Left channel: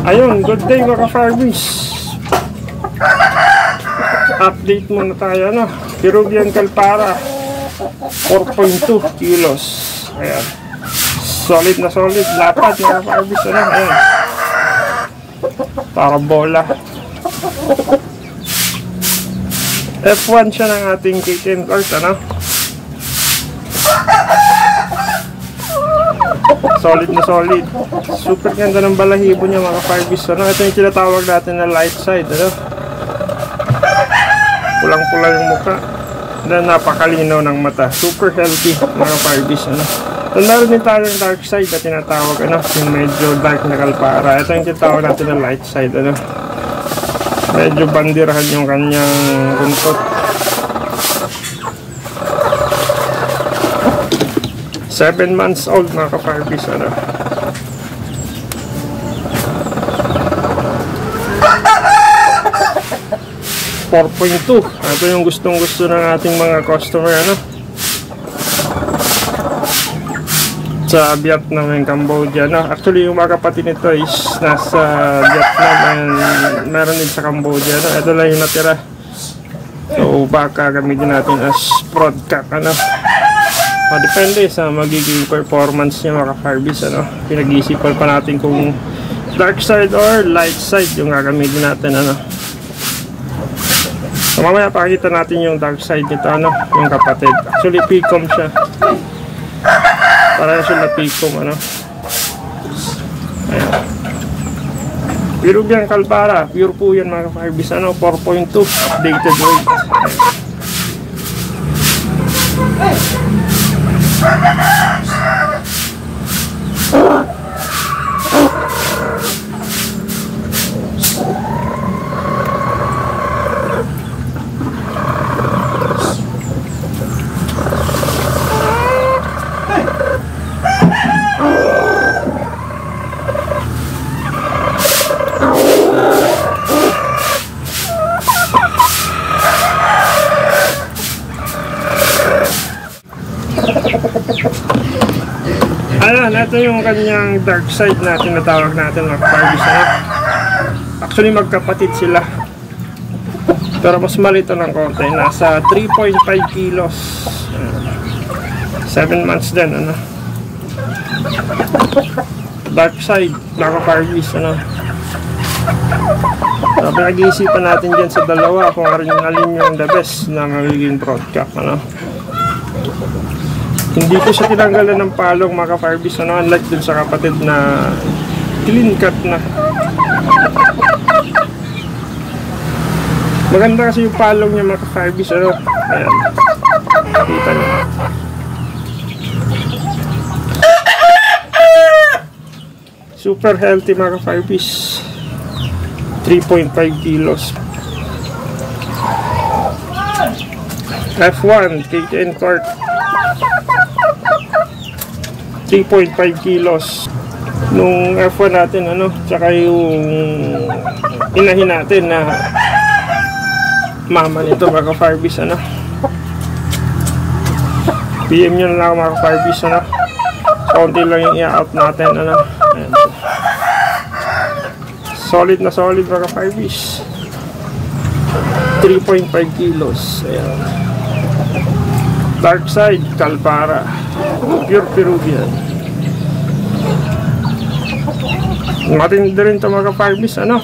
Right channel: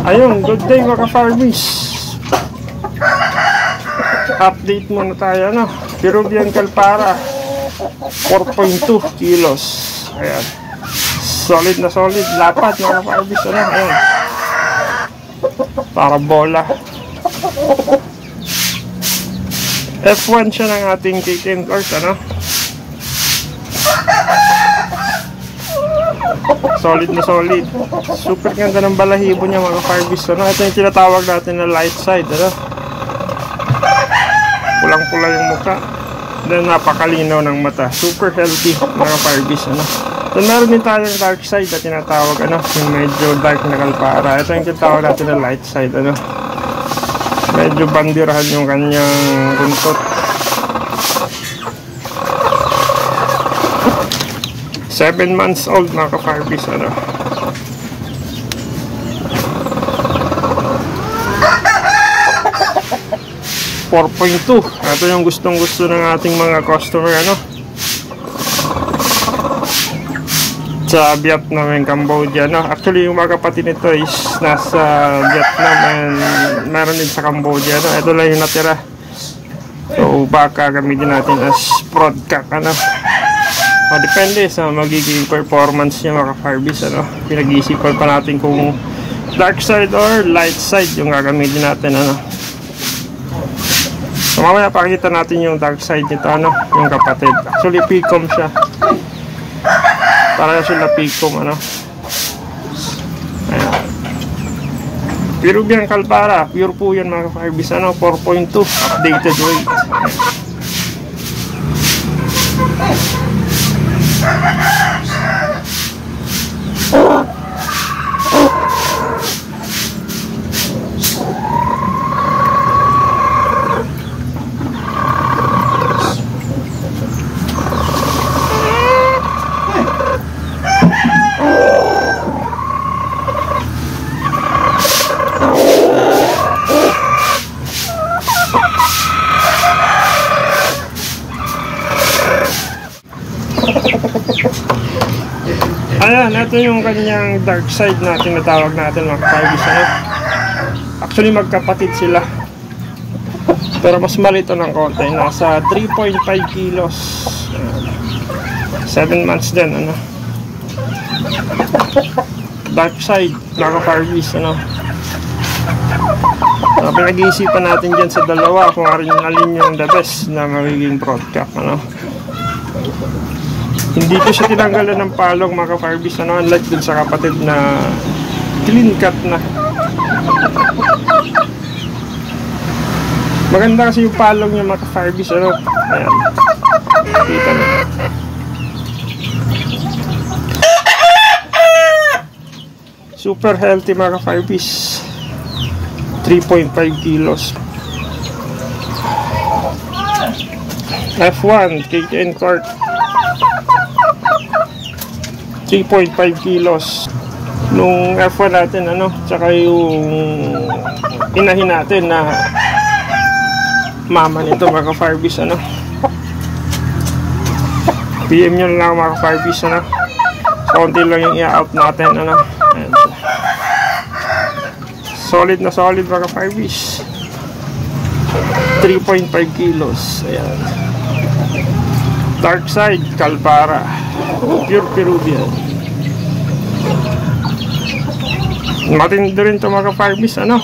Ayun, good day mga ka-farmies. Update muna tayo, ano? Peruvian Calpara 4.2 kilos. Ayan. Solid na solid. Lapad mga ka-farmies, ano? Ayan. Para bola. F1 siya ng ating K10 course, ano? Solid na solid. Super ganda ng balahibo niya mga farbies, ano? Ito yung tinatawag natin na light side, ano? Pulang-pula yung mukha na napakalinaw ng mata. Super healthy mga farbies, ano? So meron din tayong dark side na tinatawag, ano? Yung medyo dark na Calpara. Ito yung tinatawag natin na light side, ano? Medyo bandirahan yung kanyang buntot. 7 months old mga ka-farbies, ano? $4.2. Ito yung gustong-gusto ng ating mga customer, ano? Sa Vietnam and Cambodia, no? Actually, yung mga kapatid nito is nasa Vietnam and meron din sa Cambodia, no? Ito lang yung natira. So, baka gamitin natin as broadcast, ano? Depende sa magiging performance niya mga ka-farbies, ano? Pinag-iisipan pa natin kung dark side or light side yung gagamitin natin, ano? So, mamaya pakita natin yung dark side nito, ano? Yung kapatid. Actually, picom siya. Parang sila picom, ano? Ayan. Peruvian Calpara. Pure po yan mga ka-farbies, ano? 4.2. Updated weight. Ayan, ito yung kanyang dark side na tinatawag natin mga farbies, ano? Actually magkapatid sila, pero mas malito ng konti. Nasa 3.5 kilos. 7 months din, ano? Dark side mga farbies, ano? Pinag-iisipan natin dyan sa dalawa kung alin yung the best na magiging broadcast, ano? Hindi ko siya tinanggalan ng palong mga ka-farbies, ano? Unlike dun sa kapatid na clean cut na. Maganda kasi yung palong niya mga ka-farbies, ano? Ayan. Kita niyo. Super healthy mga ka-farbies. 3.5 kilos. F1 K10 court 3.5 kilos. Nung F1 natin, ano, tsaka yung inahin natin na mama nito mga ka-farbies, ano. PM nyo lang mga ka-farbies, ano. Konti lang yung i-out natin, ano. Ayan. Solid na solid mga ka-farbies. 3.5 kilos. Ayan. Dark side Calpara, pure Peruvian. Matindi rin ito mga ka-farbies, ano?